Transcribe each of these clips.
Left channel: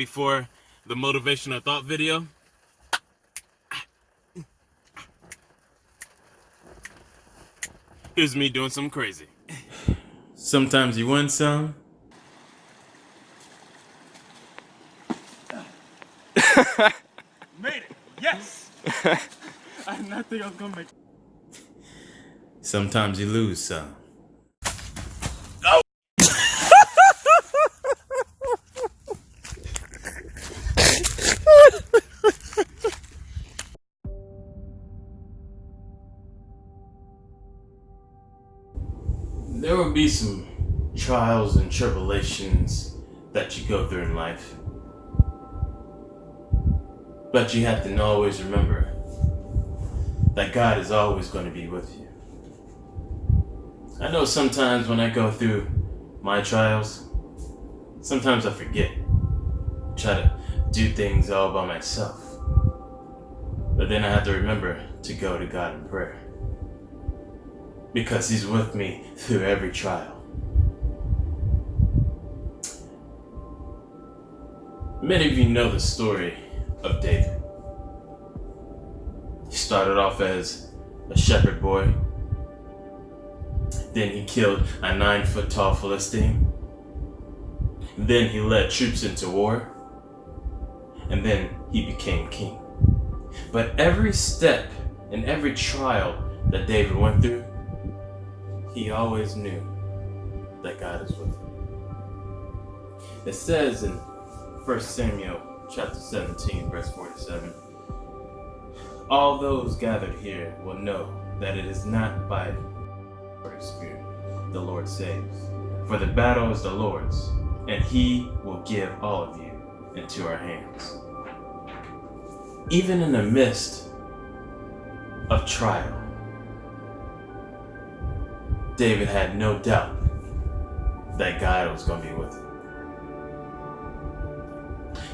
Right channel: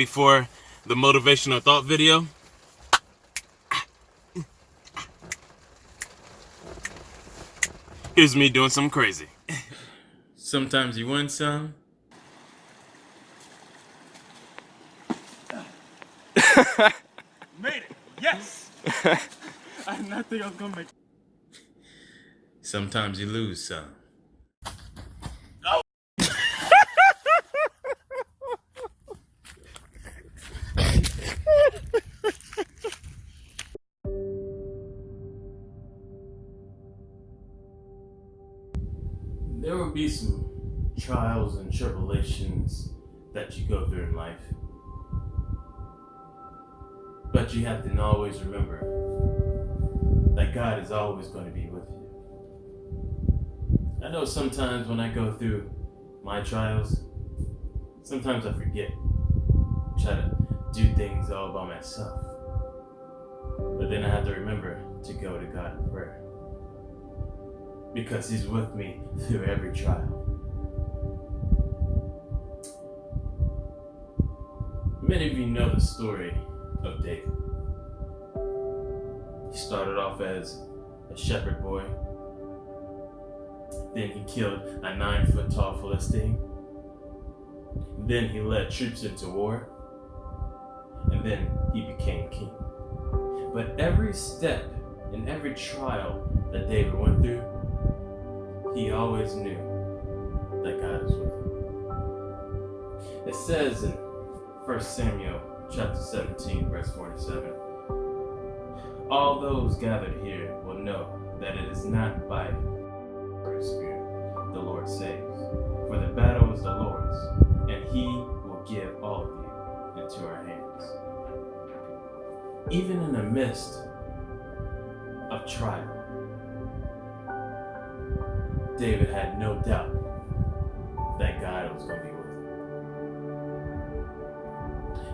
before the motivational thought video. Here's me doing something crazy. Sometimes you win some. Made it! Yes! I did not think I was gonna make it. Sometimes you lose some. There will be some trials and tribulations that you go through in life. But you have to always remember that God is always going to be with you. I know sometimes when I go through my trials, sometimes I forget. Try to do things all by myself. But then I have to remember to go to God in prayer. Because He's with me through every trial. Many of you know the story of David. He started off as a shepherd boy. Then he killed a 9-foot tall Philistine. Then he led troops into war. And then he became king. But every step and every trial that David went through, he always knew that God is with him. It says in 1 Samuel chapter 17, verse 47, all those gathered here will know that it is not by the Spirit the Lord saves. For the battle is the Lord's, and He will give all of you into our hands. Even in the midst of trial, David had no doubt that God was going to be with him.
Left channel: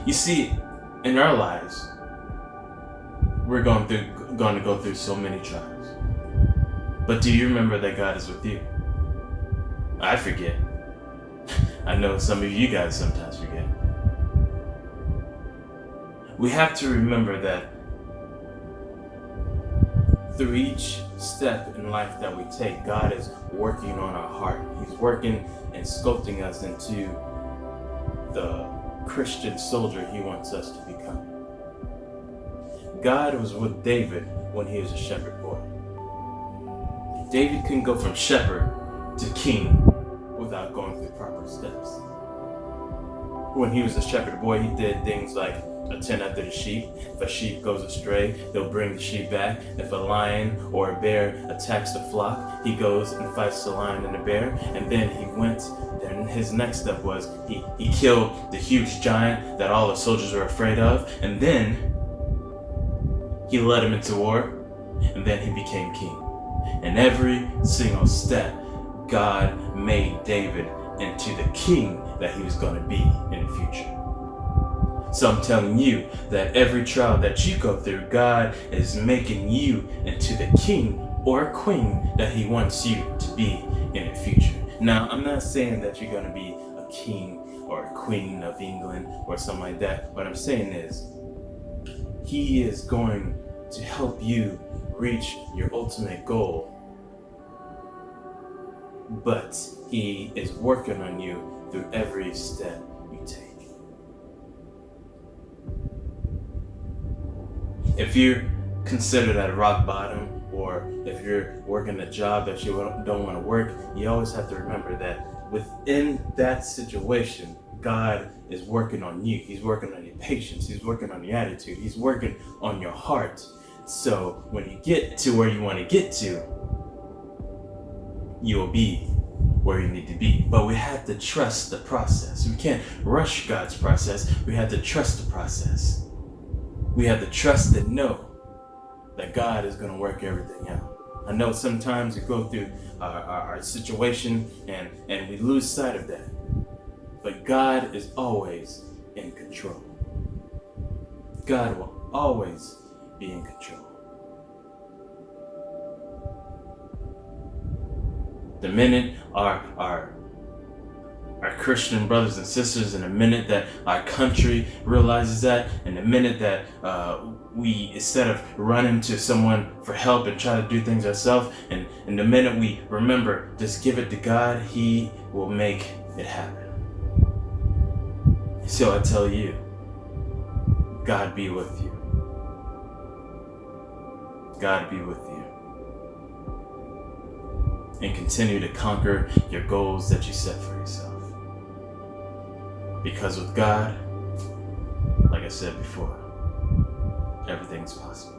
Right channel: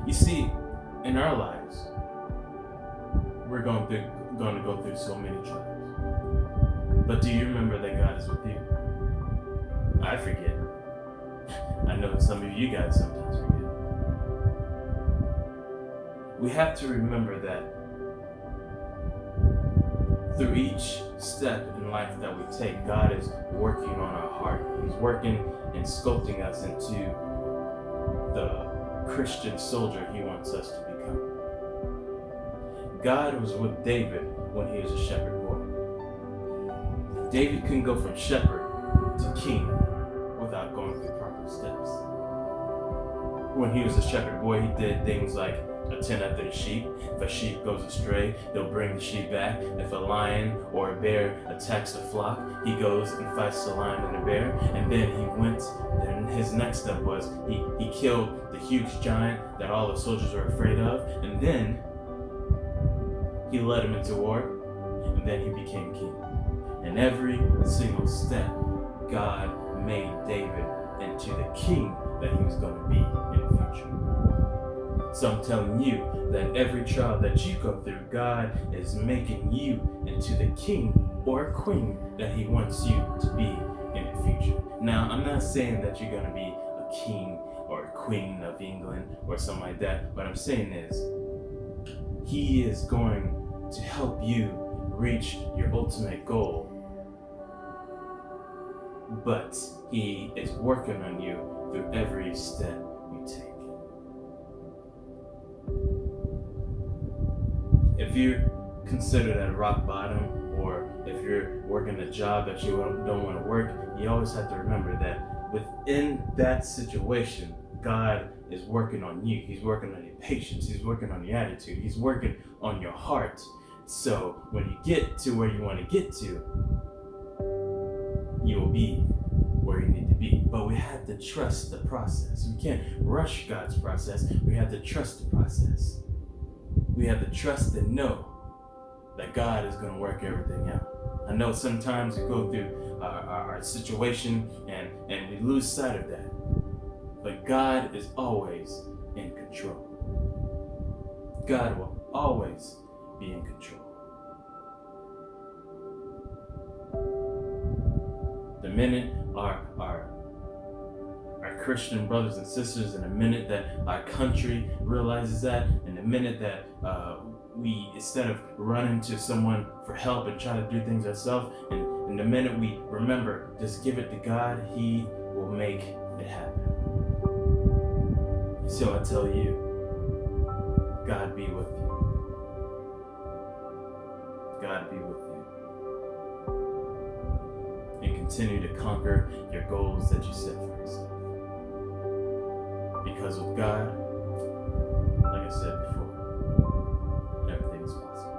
You see, in our lives, we're going to go through so many trials. But do you remember that God is with you? I forget. I know some of you guys sometimes forget. We have to remember that through each step in life that we take, God is working on our heart. He's working and sculpting us into the Christian soldier He wants us to become. God was with David when he was a shepherd boy. David couldn't go from shepherd to king without going through proper steps. When he was a shepherd boy, he did things like attend after the sheep. If a sheep goes astray, they'll bring the sheep back. If a lion or a bear attacks the flock, he goes and fights the lion and the bear. And then then his next step was he killed the huge giant that all the soldiers were afraid of. And then he led him into war. And then he became king. And every single step, God made David into the king that he was going to be in the future. So I'm telling you that every trial that you go through, God is making you into the king or queen that He wants you to be in the future. Now, I'm not saying that you're going to be a king or a queen of England or something like that. What I'm saying is, He is going to help you reach your ultimate goal. But He is working on you through every step you take. If you're considered at rock bottom, or if you're working a job that you don't want to work, you always have to remember that within that situation, God is working on you. He's working on your patience. He's working on your attitude. He's working on your heart. So when you get to where you want to get to, you'll be where you need to be. But we have to trust the process. We can't rush God's process. We have to trust the process. We have to trust and know that God is going to work everything out. I know sometimes we go through our situation and we lose sight of that. But God is always in control. God will always be in control. The minute our Christian brothers and sisters, in the minute that our country realizes that, in the minute that we, instead of running to someone for help and try to do things ourselves, and in the minute we remember, just give it to God, He will make it happen. So I tell you, God be with you. God be with you. And continue to conquer your goals that you set for yourself. Because with God, like I said before, everything's possible.